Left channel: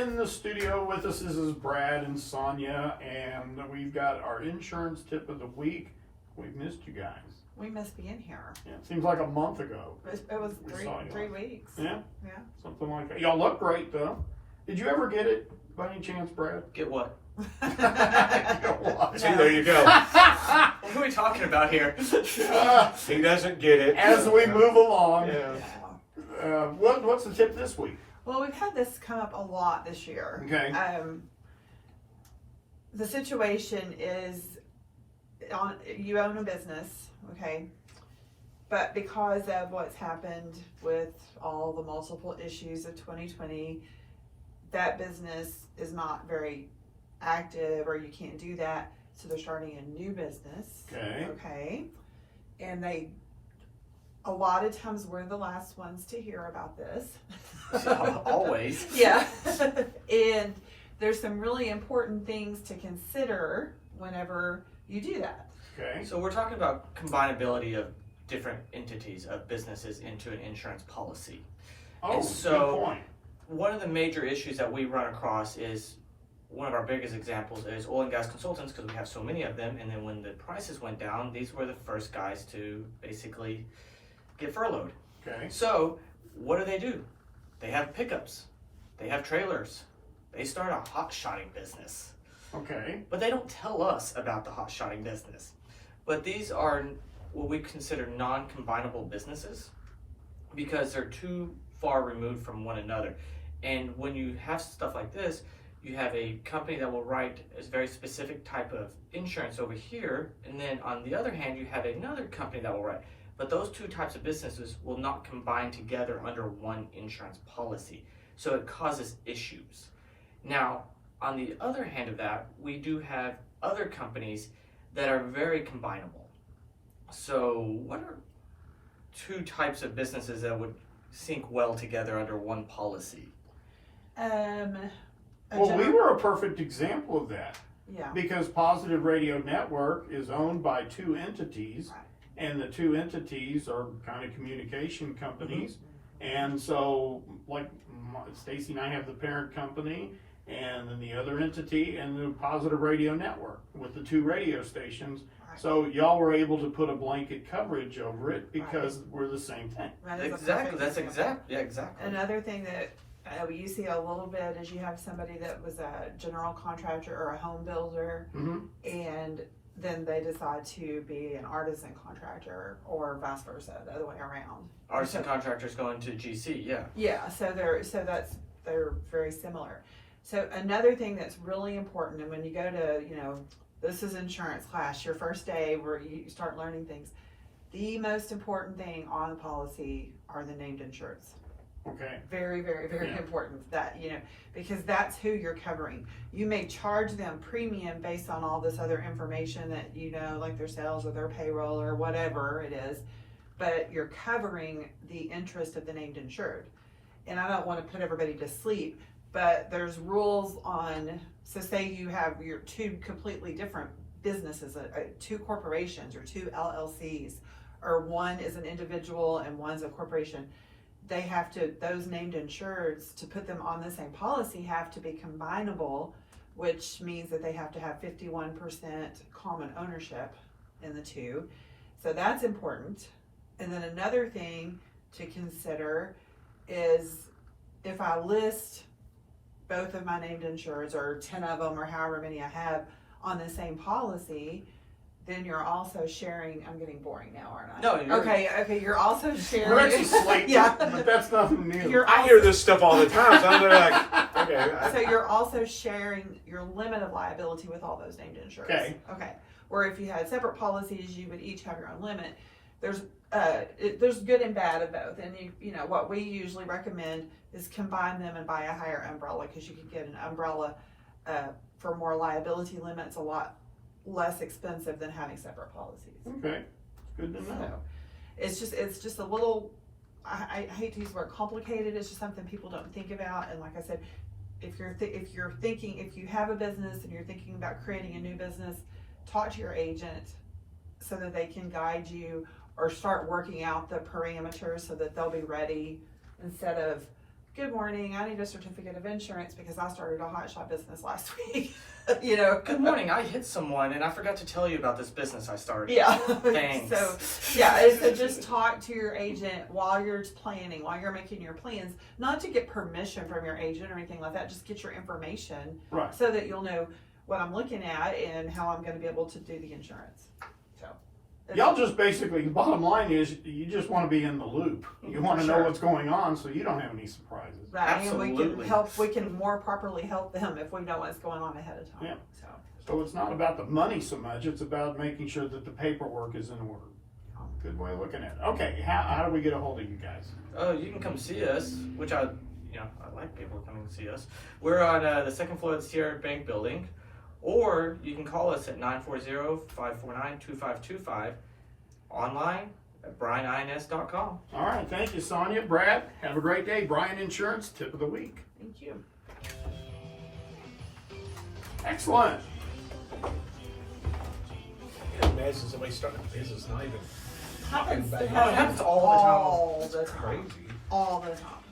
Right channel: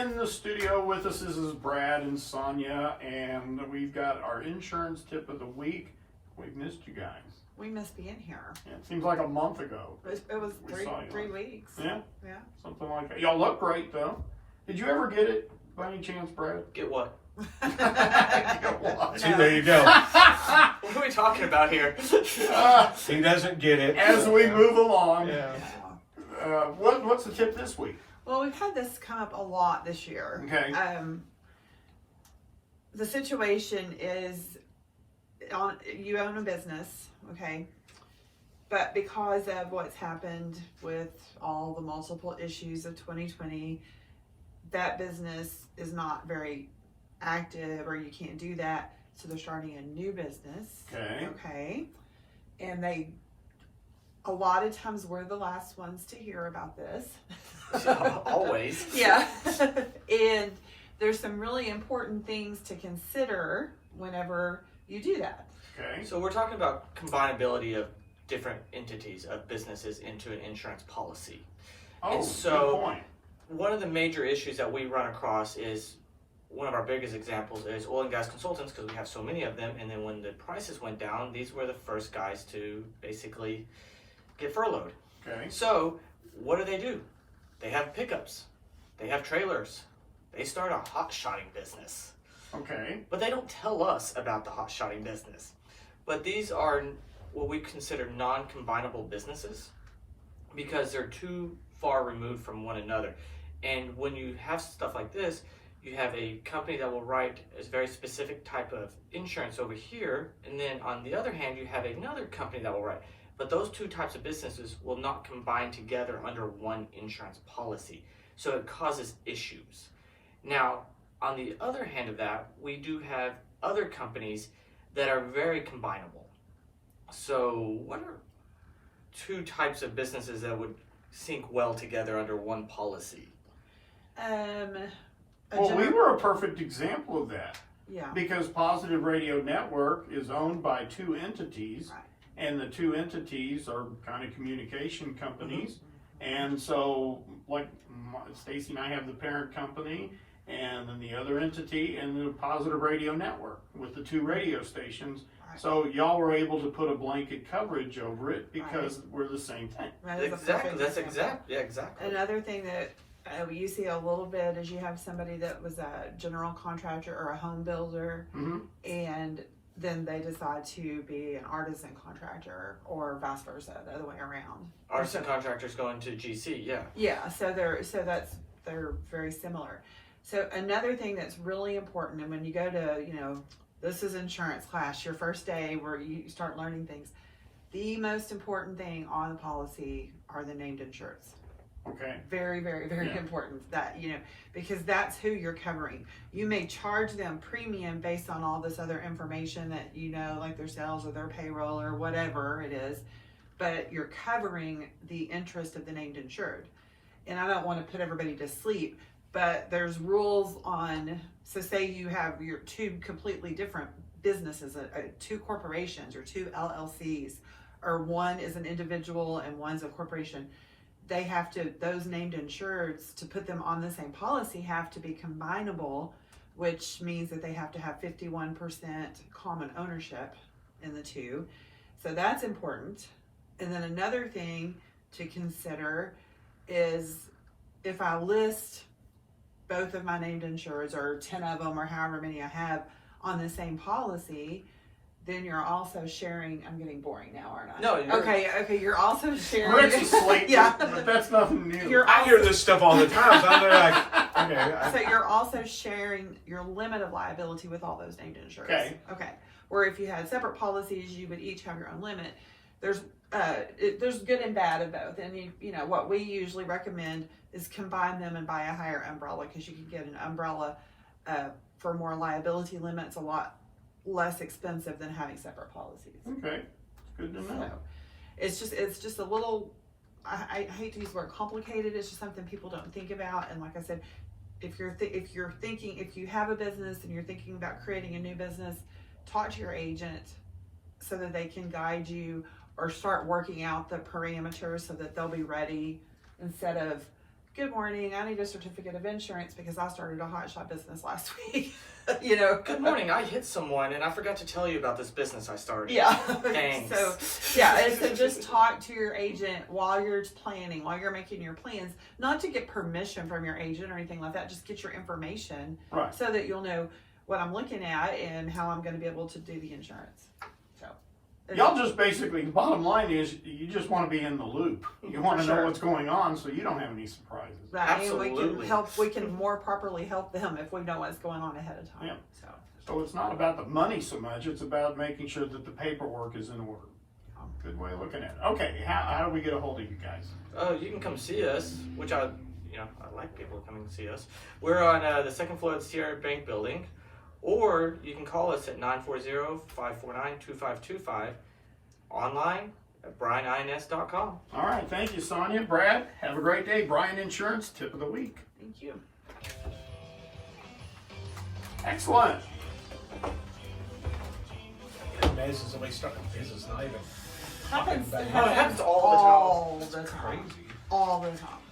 In the studio with us is Brad and Sonia, and we've got our insurance tip of the week. We've missed you guys. We must be in here. Yeah, it seems like a month ago. It was We three saw you. 3 weeks. Yeah, Yeah. something like that. Y'all look great though. Did you ever get it by any chance, Brad? Get what? No. See, there you go. What are we talking about here? He doesn't get it. As we move along, Yeah. what's the tip this week? Well, we've had this come up a lot this year. Okay. The situation is you own a business, okay? But because of what's happened with all the multiple issues of 2020, that business is not very active, or you can't do that. So they're starting a new business. Okay. Okay. And a lot of times we're the last ones to hear about this. Always. Yeah. And there's some really important things to consider whenever you do that. Okay. So we're talking about combinability of different entities of businesses into an insurance policy. Oh, And so- good point. One of the major issues that we run across is, one of our biggest examples is oil and gas consultants, because we have so many of them. And then when the prices went down, these were the first guys to basically get furloughed. Okay. So what do? They have pickups, they have trailers, they start a hot shotting business. Okay. But they don't tell us about the hot shotting business. But these are what we consider non-combinable businesses because they're too far removed from one another. And when you have stuff like this, you have a company that will write a very specific type of insurance over here, and then on the other hand, you have another company that will write. But those two types of businesses will not combine together under one insurance policy. So it causes issues. Now, on the other hand of that, we do have other companies that are very combinable. So what are two types of businesses that would sync well together under one policy? Well, we were a perfect example of that. Yeah. Because Positive Radio Network is owned by two entities, Right. and the two entities are kind of communication companies. And so, like, Stacy and I have the parent company, and then the other entity, and the Positive Radio Network with the two radio stations. Right. So y'all were able to put a blanket coverage over it because we're the same thing. That is a Exactly. perfect That's example. exactly. Another thing that you see a little bit is you have somebody that was a general contractor or a home builder, Mm-hmm. and then they decide to be an artisan contractor, or vice versa, the other way around. Artisan contractors going to GC, yeah. Yeah, they're very similar. So another thing that's really important, and when you go to, this is insurance class, your first day where you start learning things, the most important thing on the policy are the named insureds. Okay. Very, very, very Yeah. important that, because that's who you're covering. You may charge them premium based on all this other information that, like their sales or their payroll or whatever it is, but you're covering the interest of the named insured. And I don't want to put everybody to sleep, but there's rules on, so say you have your two completely different businesses, two corporations or two LLCs, or one is an individual and one's a corporation. They have to, those named insureds, to put them on the same policy, have to be combinable, which means that they have to have 51% common ownership in the two. So that's important. And then another thing to consider is if I list both of my named insureds, or 10 of them, or however many I have on the same policy, then you're also sharing. I'm getting boring now, aren't I? No, you're- Okay. You're also sharing. We're just asleep, Yeah. but that's nothing new. You're I hear this stuff all the time, so I'm like, okay. So you're also sharing your limit of liability with all those named insureds. Okay. Where if you had separate policies, you would each have your own limit. There's good and bad of both, and what we usually recommend is combine them and buy a higher umbrella, because you can get an umbrella for more liability limits, a lot less expensive than having separate policies. Okay. Good to know. So it's just a little, I hate to use the word complicated. It's just something people don't think about. And like I said, if you have a business and you're thinking about creating a new business, talk to your agent so that they can guide you or start working out the parameters so that they'll be ready, instead of good morning, I need a certificate of insurance because I started a hot shot business last week. You know, Good morning. I hit someone and I forgot to tell you about this business I started. yeah. Thanks. So, yeah, and so just talk to your agent while you're planning, while you're making your plans, not to get permission from your agent or anything like that. Just get your information Right. so that you'll know what I'm looking at and how I'm going to be able to do the insurance. So, Y'all just basically, the bottom line is you just want to be in the loop. You want to know Sure. what's going on so you don't have any surprises. right, and we can Absolutely. help. We can more properly help them if we know what's going on ahead of time. Yeah. So, So it's not about the money so much, it's about making sure that the paperwork is in order. Good way of looking at it. Okay, how do we get a hold of you guys? Oh, you can come see us, which I like people coming to see us. We're on the second floor of the Sierra Bank building, or you can call us at 940-549-2525, online at brianins.com. All right, thank you, Sonia. Brad, have a great day. Brian Insurance, tip of the week. thank you. Excellent. Imagine somebody starting a business, not even talking Happens, about it. Oh, it happens all the time. all the time. Crazy. All the time.